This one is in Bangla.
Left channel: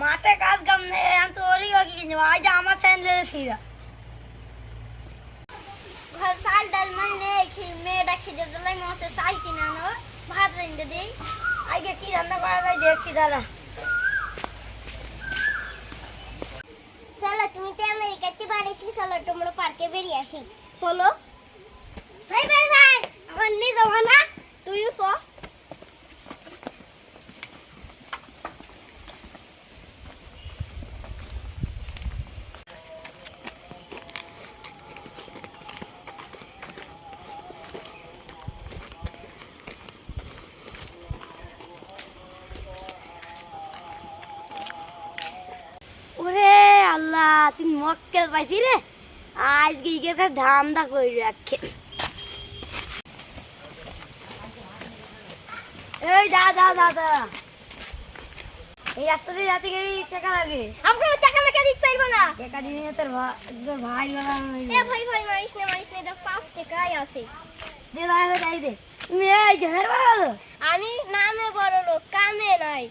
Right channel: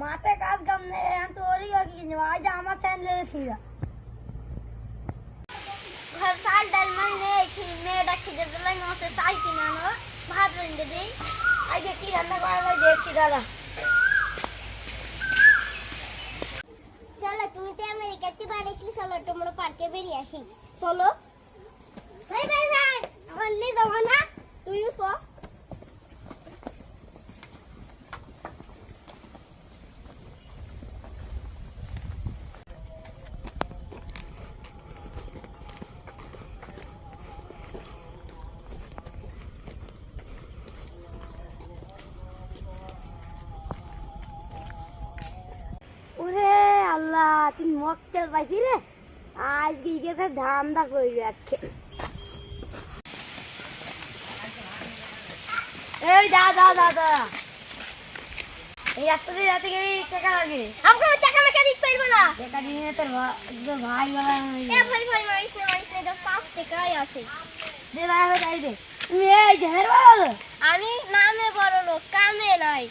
মাঠে কাজ কাম নেই আমি তো ওরই কি কিনবো আজ আমার স্যান্ডেল ছিল ঘর চাল ডাল মানে নেই মেয়েটা খিদে দিলে মশে চাল কিনে আনো ভাত রেঁধে দিই আজকে কি রান্না করা ভাই দেখছি দাদা চলো তুমি তো আমেরিকাতে বাড়িয়েছি চলো তোমরা পার্কে বেরিয়ে আসি চলো ভাই ভাই ভাই আমার নিয়ে যাবো না তুইও চ ওরে আল্লাহ তুই মক্কেল পাইছি রে আজকে ইকে ধান্দা করে রাখে এই যা যা যা যা এই রাস্তা দিয়ে যাতে গেলে টাকা লাগে আমাকে টাকা মেকা দিতে পারবো না টাকা নিয়ে তোর ভাই এ ভাই ভাই মারিস না 5 টাকাই আছে যে দাঁড়াবে তাই দে তুমি এই ঝেড় বাড়ালো আমি নামে বড় লোক কামে নয়